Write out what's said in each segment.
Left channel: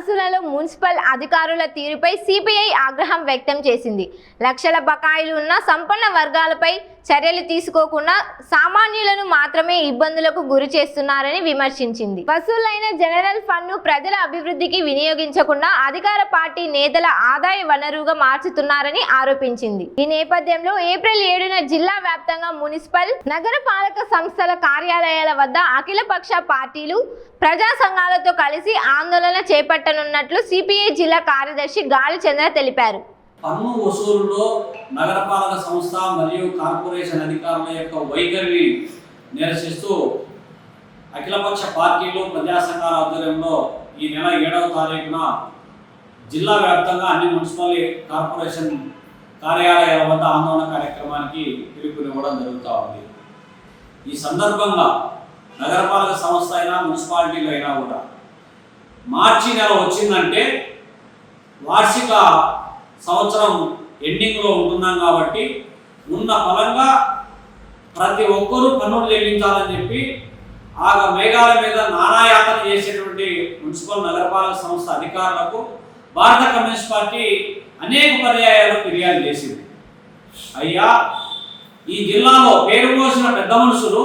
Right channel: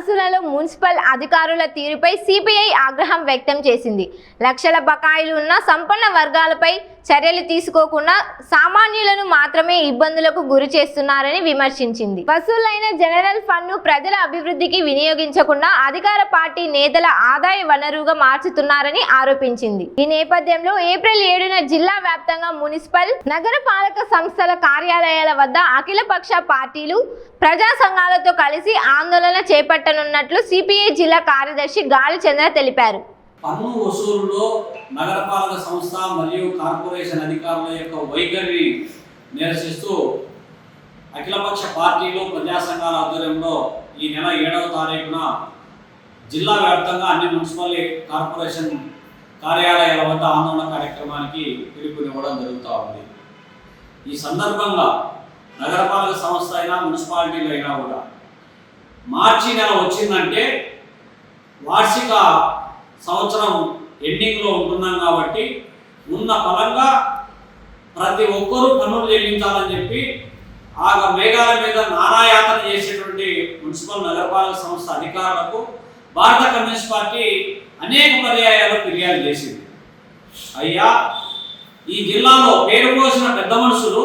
వసూళ్లలో municipal అధికారుల తీరుపై CPI ఆగ్రహం వ్యక్తం చేసింది. లక్షల బకాయిలు ఉన్న సంపన్న వర్గాలపై చర్యలు తీసుకోకుండా సామాన్యులను మాత్రమే ఇబ్బందులకు గురి చేస్తున్నారని విమర్శించింది. వసూలైన జనరల్ ఫండ్ను ప్రజల అభివృద్ధికి వినియోగించకుండా అధికార పార్టీ నేతల ఆదాయ వనరుగా మార్చుతున్నారని ఆరోపించింది. ఈ నేపథ్యంలో ఏప్రిల్ 7న జిల్లా వ్యాప్తంగా మున్సిపల్, నగరపాలక సంస్థల కార్యాలయాల వద్ద అఖిలపక్ష పార్టీలు, ప్రజా సంఘాలతో కలిసి ఆందోళన చేపట్టనున్నట్లు సిపిఐ జిల్లా కార్యదర్శి గాలి చంద్ర తెలిపారు. పన్ను వసూలులో నగరపాలక సంస్థ మరియు కార్పొరేషన్ అధికారుల యొక్క వైఖరిని నిరసిస్తూ అఖిలపక్ష పార్టీలు, ప్రజా సంఘాల ఆధ్వర్యంలో ఈ నెల 7వ తారీఖున జిల్లా వ్యాప్తంగా అన్ని మున్సిపల్ కార్పొరేషన్ కార్యాలయాల వద్ద ఆందోళన కార్యక్రమానికి పిలుపునివ్వడం జరుగుతూ ఉంది. ఈ సందర్భంగా నగరపాలక సంస్థ అయినా మున్సిపాలిటీలు అయినా కూడా మార్చి నెల వచ్చిందంటే వార్షిక సంవత్సరం ఎండింగ్లో ఉంటున్నాం కాబట్టి ఉన్న ఫలంగా ప్రతి ఒక్కరూ పన్నులు చెల్లించాలని చెప్పి ఆ మేఘాల మీద నానాయాతన చేసేటువంటి మున్సిపల్ నగరపాలక సంస్థ అధికారులకు భారత కమ్యూనిస్ట్ పార్టీ అనేక పర్యాయాలు ఫిర్యాదు చేసింది. అయ్యా, ఈ జిల్లాలో పేరు పోసిన పెద్ద మనుషులు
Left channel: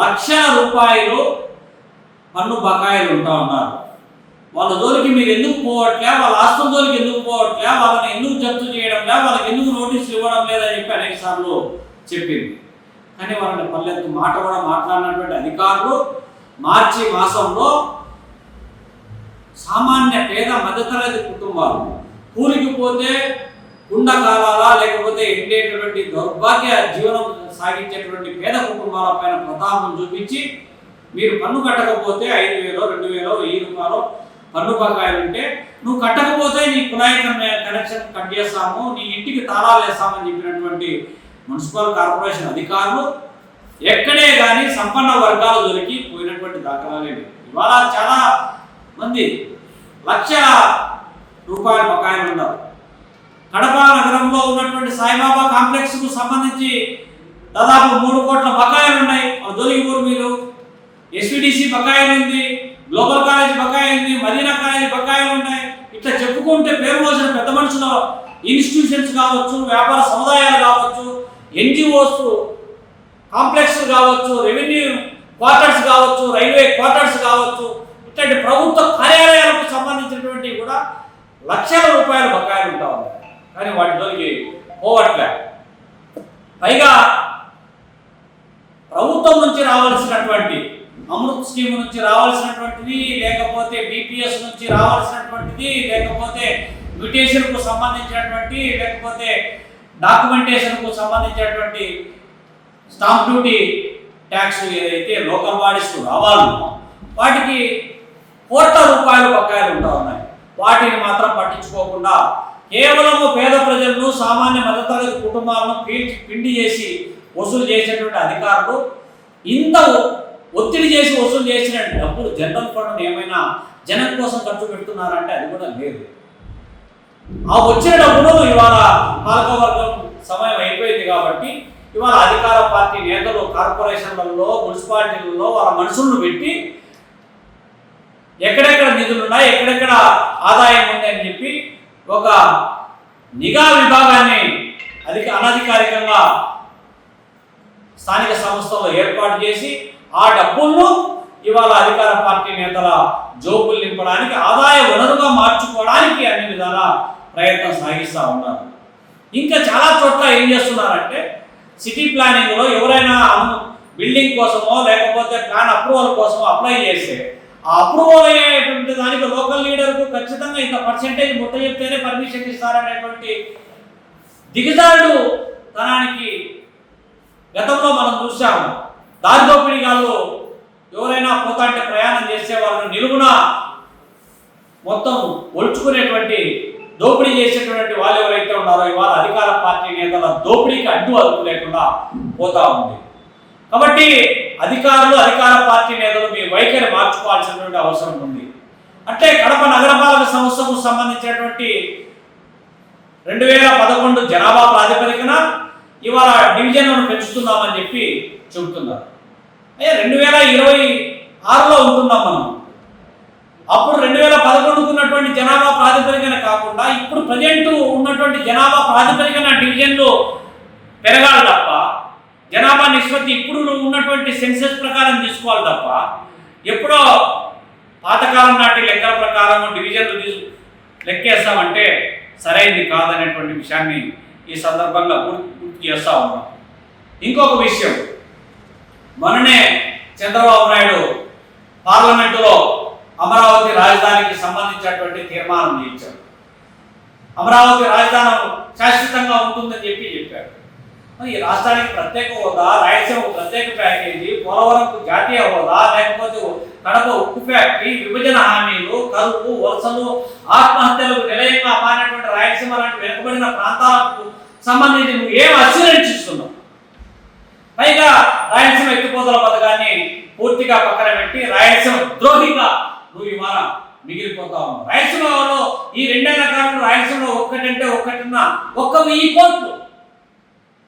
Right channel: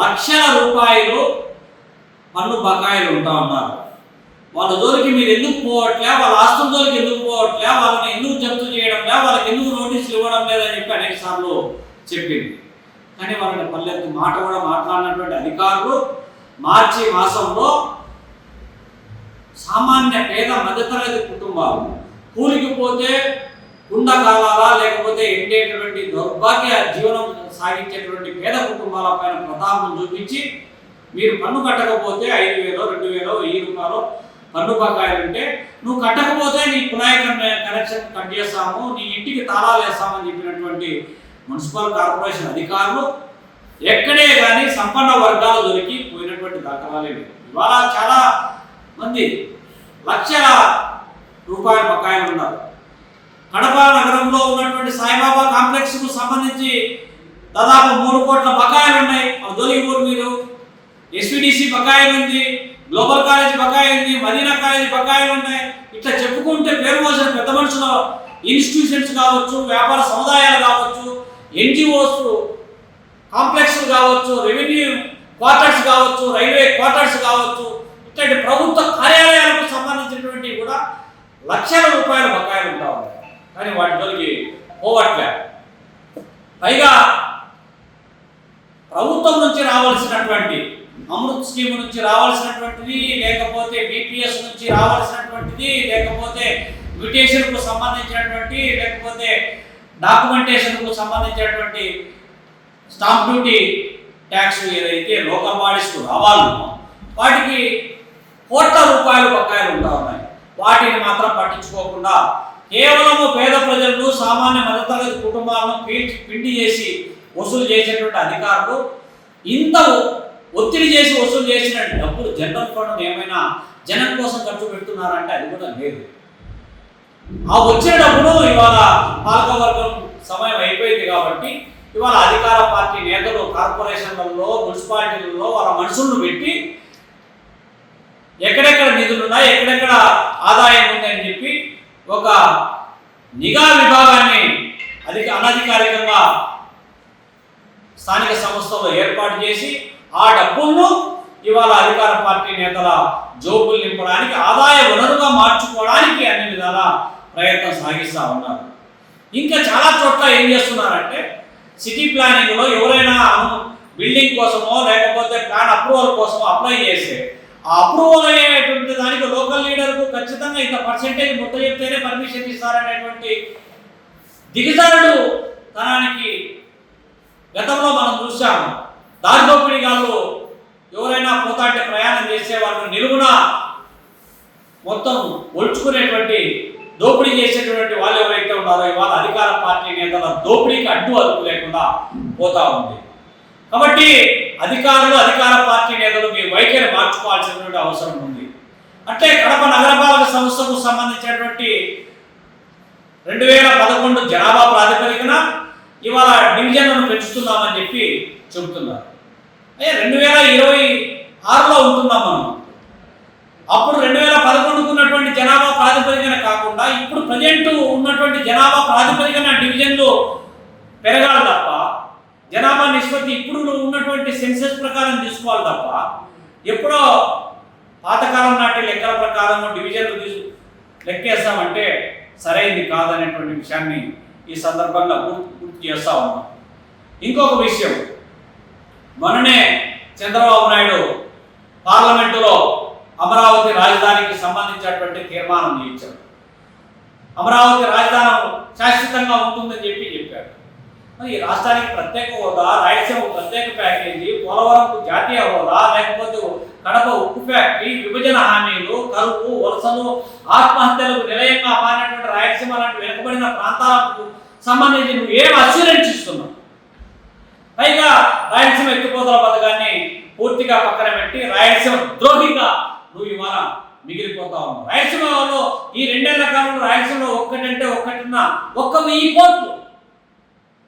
లక్షల రూపాయలు పన్ను బకాయిలు ఉంటా ఉన్నారు. వాళ్ళ జోలికి మీరు ఎందుకు పోవట్లే, వాళ్ళ ఆస్తుల జోలికి ఎందుకు పోవట్లే, వాళ్ళని ఎందుకు జప్తు చేయడంలే, వాళ్ళకి ఎందుకు నోటీసులు ఇవ్వడం లేదని చెప్పి అనేక సార్లు చెప్పింది. కానీ వాళ్ళని పల్లెత్తు మాట కూడా మాట్లాడినటువంటి అధికారులు మార్చి మాసంలో సామాన్య పేద మధ్యతరగతి కుటుంబాలు కూలికి పోతే కుండ కాలాలా లేకపోతే ఎండేటటువంటి దౌర్భాగ్య జీవనం సాగించేటువంటి పేద కుటుంబాల పైన ప్రతాపం చూపించి మీరు పన్ను కట్టకపోతే 5,000, 2,000, 1,000 రూపాయలు పన్ను బకాయిలు ఉంటే నువ్వు కట్టకపోతే నీ కుళాయి కనెక్షన్ కట్ చేస్తాము, నీ ఇంటికి తాళాలు వేస్తామని చెప్పినటువంటి మున్సిపల్ కార్పొరేషన్ అధికారులు ఎక్కడే కానీ సంపన్న వర్గాల దొరికి పోయినటువంటి దాఖలాలే లేవు. ఇవాళ చాలా మంది లక్షల రూపాయల బకాయిలు ఉన్నారు. కడప నగరంలో ఉన్నటువంటి సాయిబాబా కాంప్లెక్స్కు సంబంధించి దాదాపు 3 కోట్ల బకాయిలు ఉన్నాయి. వాళ్ళు దొరికిపోరు మీరు. ఎస్విడిసి బకాయిలు ఉంది, గ్లోబల్ కాలేజ్ బకాయి ఉంది, మదీనా కాలేజ్ బకాయిలు ఉన్నాయి. ఇట్లా చెప్పుకుంటే పేరు మోసిన పెద్ద మనుషుల ఇన్స్టిట్యూషన్స్ కావచ్చు, వ్యాపార సముదాయాలు కావచ్చు, ఎన్జిఓస్ కాంప్లెక్స్లు కావచ్చు, రెవెన్యూ క్వార్టర్స్ కావచ్చు, రైల్వే క్వార్టర్స్ కావచ్చు, ఇట్లాంటి ప్రభుత్వ కార్యాలయాలకు సంబంధించినటువంటి కూడా లక్షల రూపాయల బకాయిలు ఉంటా ఉన్నాయి. కానీ వాటి జోలికి పోవట్లే. పైగా ప్రభుత్వం నుంచి రావాల్సినటువంటి అమృత్ స్కీమ్ నుంచి రావాల్సినటువంటిది, లేకపోతే బీపీఎస్ నుంచి రావాల్సినటువంటిది, లేకపోతే మ్యూటేషన్కు సంబంధించినటువంటి, లేకపోతే డాక్యుమెంటేషన్కు సంబంధించినటువంటి స్టాంప్ డ్యూటీ ట్యాక్స్ ఏదైతే లోకల్ బాడీస్కు రావాలో వాటికి కోట్ల రూపాయల బకాయిలు ఉంటా ఉన్నాయి. వాటిని మాత్రం పట్టించుకోకుండా కేవలము పేద ప్రజలను, సామాన్య మధ్యతరగతి కుటుంబాలను పిండి చేసి వసూలు చేసేటువంటి అధికారులు ఇంత ఒత్తిడి చేసి వసూలు చేసిన డబ్బులు జనరల్ ఫండ్ ఏమైనా జనం కోసం ఖర్చు పెడుతున్నారంటే అది కూడా లేదు. ఆ వచ్చే డబ్బులు ఇవాళ పాలకవర్గం సమయం అయిపోయింది కాబట్టి ఇవాళ అధికార పార్టీ నేతలు కార్పొరేషన్లలో, మున్సిపాలిటీలలో వాళ్ళ మనుషులను పెట్టి ఎక్కడెక్కడ నిధులు ఉన్నాయి, ఎక్కడెక్కడ ఆదాయం ఉంది అని చెప్పి ఒక నిఘా విభాగాన్ని అనధికారికంగా స్థానిక సంస్థలో ఏర్పాటు చేసి ఆ డబ్బులను ఇవాళ అధికార పార్టీ నేతల జోబులు నింపడానికి, ఆదాయ వనరుగా మార్చుకోవడానికి అన్ని విధాల ప్రయత్నం సాగిస్తూ ఉన్నారు. ఇంకా చాలా చోట్ల ఏం చేస్తున్నారంటే సిటీ ప్లానింగ్లో ఎవరైనా బిల్డింగ్ కోసమో లేకపోతే ప్లాన్ అప్రూవల్ కోసమో అప్లై చేస్తే ఆ అప్రూవల్ అయ్యేటువంటి దానికి లోకల్ లీడర్కు ఖచ్చితంగా ఇంత పర్సెంటేజ్ ముట్ట చెప్తేనే పర్మిషన్ ఇస్తారనేటువంటి దిగజారుడు తనానికి గతంలో మనం చూసాము. దారి దోపిడీగాళ్ళు ఎవరైనా పోతా అంటే ప్రయాణం చేసే వాళ్ళని నిలువున మొత్తం ఒలుచుకునేటువంటి దోపిడీ చేసేటువంటి వాళ్ళు ఎవరైతే ఉన్నారో ఇవాళ అధికార పార్టీ నేతల దోపిడీకి అడ్డు అదుపు లేకుండా పోతా ఉంది. కాబట్టి అధికారులు, అధికార పార్టీ నేతలు మీ వైఖరి మార్చుకోవాల్సినటువంటి అవసరం ఉంది. అంటే కడప నగరపాలక సంస్థకు సంబంధించినటువంటి 2011 జనాభా ప్రాతిపదికన ఇవాళ డివిజన్లను పెంచుతున్నామని చెప్పి చెబుతున్నారు. అయ్యా 2026లో ఉంటున్నాం మనం. అప్పుడు 2011 ఉన్నటువంటి ఉన్నటువంటి జనాభా ప్రాతిపదికన కాకుండా ఇప్పుడు ప్రజెంట్ ఉన్నటువంటి జనాభా ప్రాతిపదికన డివిజన్లు పెరగాలి తప్ప, జనాభా నిష్పత్తి ఇప్పుడు ఉన్నటువంటి సెన్సెస్ ప్రకారం తీసుకోవాలి తప్ప, ఎప్పుడో పాతకాలం నాటి లెక్కల ప్రకారం డివిజన్లు లెక్కేస్తామంటే సరైనది కాదనేటువంటి విషయాన్ని ఈ సందర్భంగా గుర్తు చేస్తూ ఉన్నాం. ఇంకొక విషయం, మొన్ననే చంద్రబాబు నాయుడు పార్లమెంటులో అమరావతి రాజధానికి సంబంధించినటువంటి తీర్మానం చేయించారు. అమరావతి రాజధాని శాశ్వతంగా ఉంటుందని చెప్పారు. మరి ఈ రాష్ట్రానికి ప్రత్యేక హోదా, రాయలసీమకు ప్రత్యేక ప్యాకేజీ, పోలవరంకు జాతీయ హోదా, లేకపోతే కడప ఉక్కు ఫ్యాక్టరీ, విభజన హామీలు, కరువు, వలసలు, ఆత్మహత్యలకు నిలయంగా మారినటువంటి రాయలసీమ లాంటి వెనుకబడిన ప్రాంతాలకు సంబంధించి నువ్వు ఏం అస్యూరెన్స్ ఇస్తున్నావు? పైగా రాయలసీమ ఎత్తిపోతల పథకాన్ని పూర్తిగా పక్కన పెట్టి రాయలసీమ ద్రోహిగా నువ్వు ఇవాళ మిగిలిపోతా ఉన్నావు. రాయలసీమలో ఈ 2 ఏళ్ల కాలంలో రాయలసీమలో ఒక్కటంటే ఒక్కటిన్న 1,000 కోట్లు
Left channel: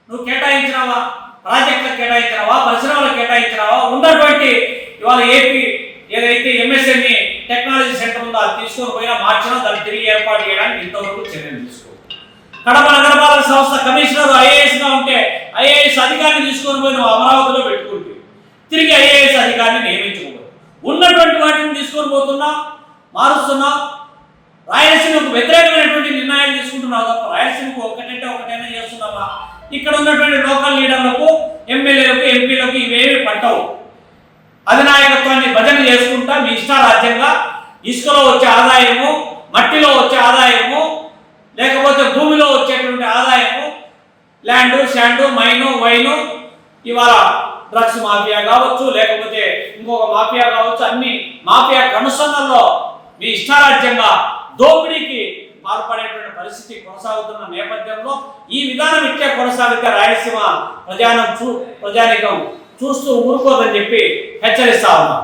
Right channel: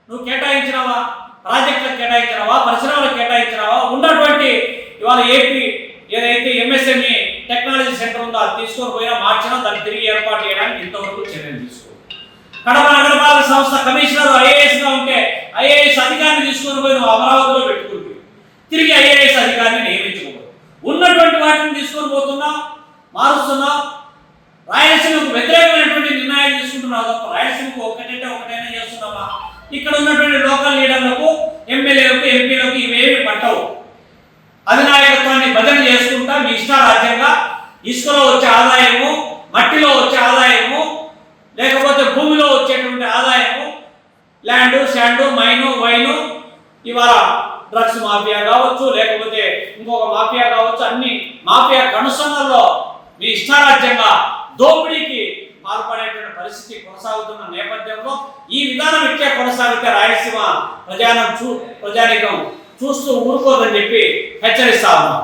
నువ్వు కేటాయించినావా? ప్రాజెక్టులకు కేటాయించినావా? పరిశ్రమలకు కేటాయించినావా? ఉన్నటువంటి ఇవాళ ఏపీ ఏదైతే ఎంఎస్ఎంఈ టెక్నాలజీ సెంటర్ ఉందో అది తీసుకొని పోయినా మార్చినా దాన్ని తిరిగి ఏర్పాటు చేయడానికి ఇంతవరకు చర్యలు తీసుకో. కడప నగరపాలక సంస్థ కమిషనర్ ఐఏఎస్గా ఉంటే ఐఏఎస్ అధికారిని తీసుకొని పోయి నువ్వు అమరావతిలో పెట్టుకుంటే తిరిగి ఐఏఎస్ అధికారిని నియమించుకోవాలి. ఉన్నటువంటి వాటిని తీసుకొని పోతున్నావు, మారుస్తున్నావు. రాయలసీమకు వ్యతిరేకమైనటువంటి నిర్ణయాలు తీసుకుంటున్నావు తప్ప రాయలసీమకు ఒకటైనా చేస్తున్నావా? ఇక్కడ ఉన్నటువంటి లోకల్ లీడర్లకు, ఎమ్మెల్యేలకు, ఎంపీలకు ఇవేమి పట్టవు. అధినాయకత్వాన్ని భజన చేసుకుంటా మీ ఇష్టారాజ్యంగా ఇసుకలో వచ్చే ఆదాయము, మట్టిలో వచ్చే ఆదాయము, లేకపోతే భూమిలో వచ్చేటువంటి ఆదాయము, ల్యాండు, శాండు, మైను, వైను, ఇవాళ డ్రగ్స్ మాఫియా కావచ్చు, లేకపోతే ఇంకొక మాఫియా కావచ్చు, అన్ని మాఫియా కనుసన్నల్లో మీ ఇష్టారాజ్యంగా దోపిడీకి పాల్పడేటువంటి పరిస్థితి కొనసాగుతున్న నేపథ్యంలో ఈ విధానం ఇట్లే కొనసాగితే రాయలసీమ ప్రజానికం చూస్తూ ఊరుకోదని చెప్పి హెచ్చరిస్తా ఉన్నాం.